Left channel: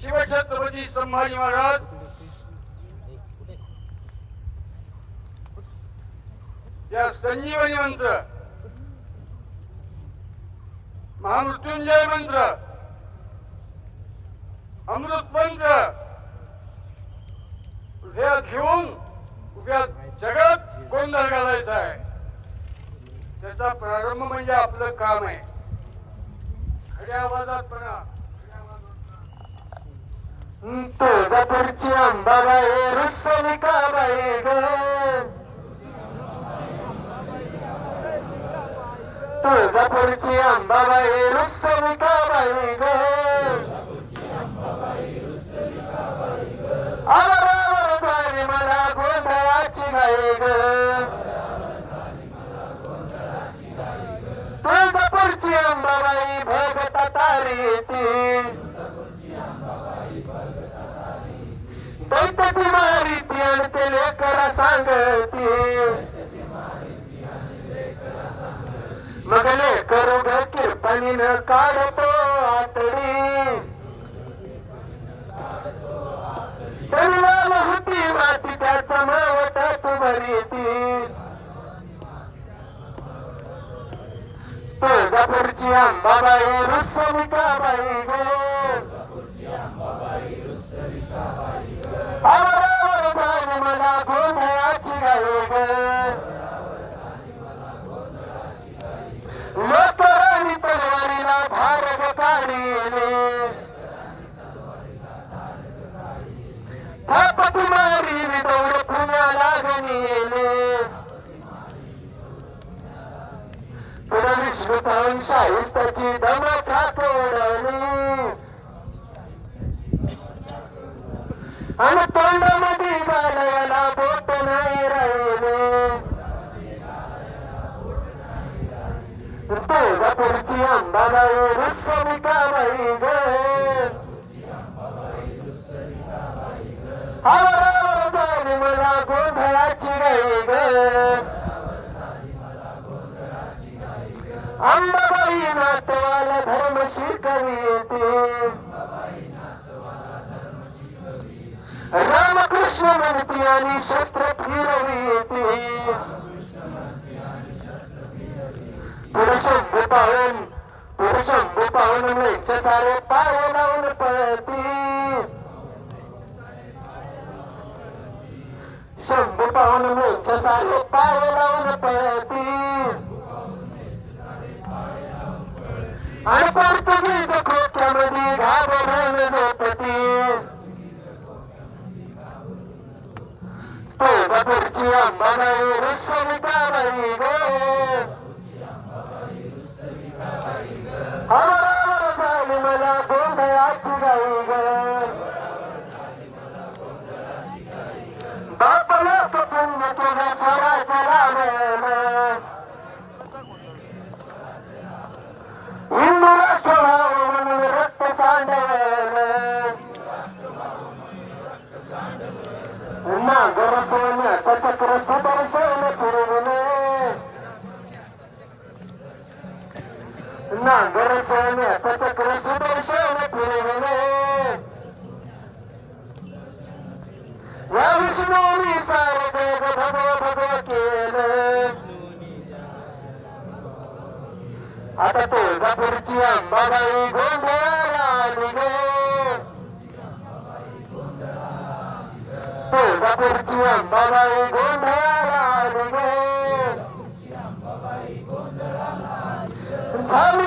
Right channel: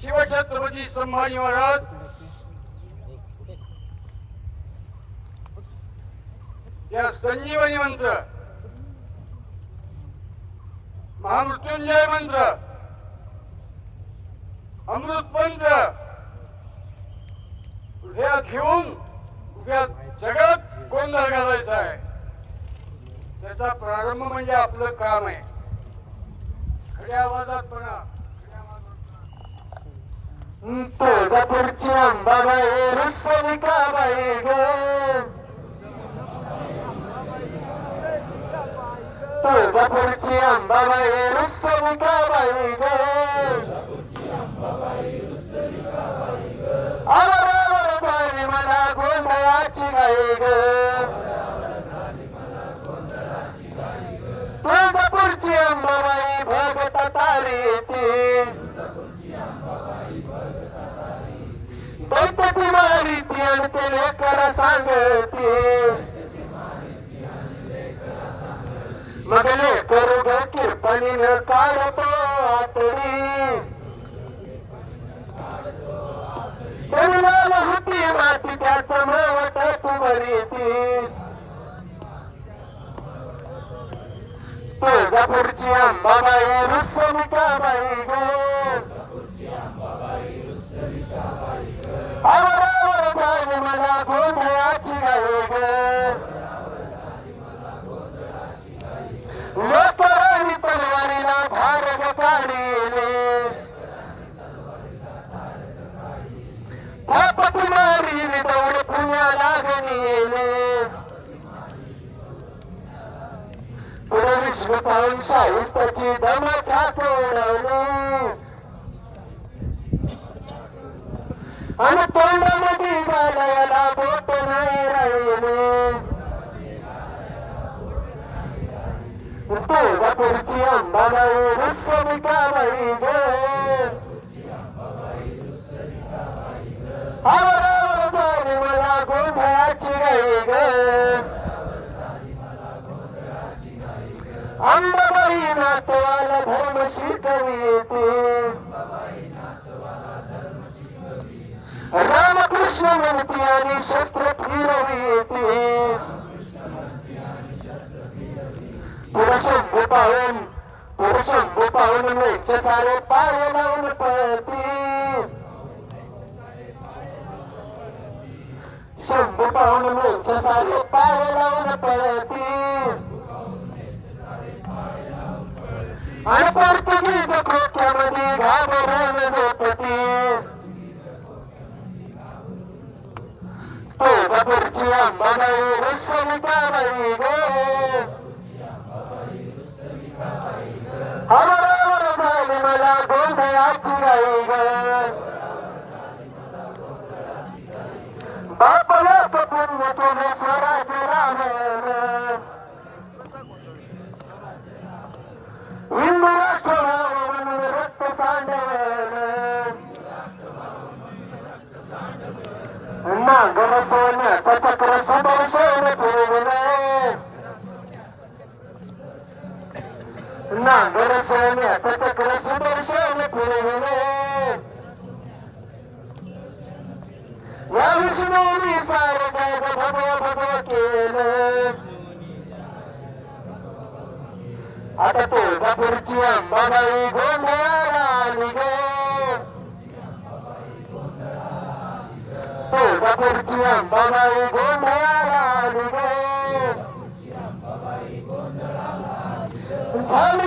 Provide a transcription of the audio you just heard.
शिवछत्रपती संभाजी महाराज. या संजीवनी मंत्र. महामृत्युंजय मंत्र. अमृत मंत्र. हृदयात घेऊन उद्या जगात गोंधळ घालायचा आहे. त्याचा प्रारंभ म्हणजे आपलं काम आहे. खऱ्या आवाजात म्हणा खऱ्या आवाजात म्हणा. तुळजापूरची अंबाबाई रुसलिकाबाई ग. तुळजापूरची अंबाबाई रुसलिकाबाई ग. आवारावर झाली मला गोंधळाची गाई ग. तुळजापूरची अंबाबाई भगत तारी येते दैत्याची मारी ती आणि ते लेकरा सांगती. मग लेकरू ग किरपणीनं काढतो आतडी. होती माती त्याचा मावट तू बरी ती तुळजापूरची अंबाबाई रुसमिकाबाई ग. आवरावर झाली मला गोंधळाची गाई ग. लोकराणी तलवारीला धारग काढिले. थापटी मारिली दौड पुण्याला गणिले पुढे विश्व पाहून शाहिस्ताची दम ठाकवणारी. आणि तोंडामध्ये घालायला बोट नाही राहिले. तुळजापूरची अंबाबाई रुसमिकाबाई ग आवरावर झाली मला गोंधळाची गाई ग अंबाबाई नातवाला धर्म शिकविते. कृष्ण म्हणती आणि शस्त्र फिरविते पुरुषंग पाहून पुरुषंग पाहून मेच्या सारे पाय लावून पळती. शंभ पाहून मेच्या सारे पाय लावून पळती. आणि पोर्तुगीज तुळजापूरची अंबाबाई रुसमिकाबाई ग आवरावर झाली मला गोंधळाची गाई ग बाप लोक पुण्य तुला सरायचं रामायण हिंदू राष्ट्रभावन नागर चक्र सुदर्शन पुरवले या विष्णूनी सार जग भगव भगव केलं. आता तुळजापूरची अंबाबाई गोंधळाला आली ग तुळजापूरची अंबाबाई गोंधळाला आली ग झाली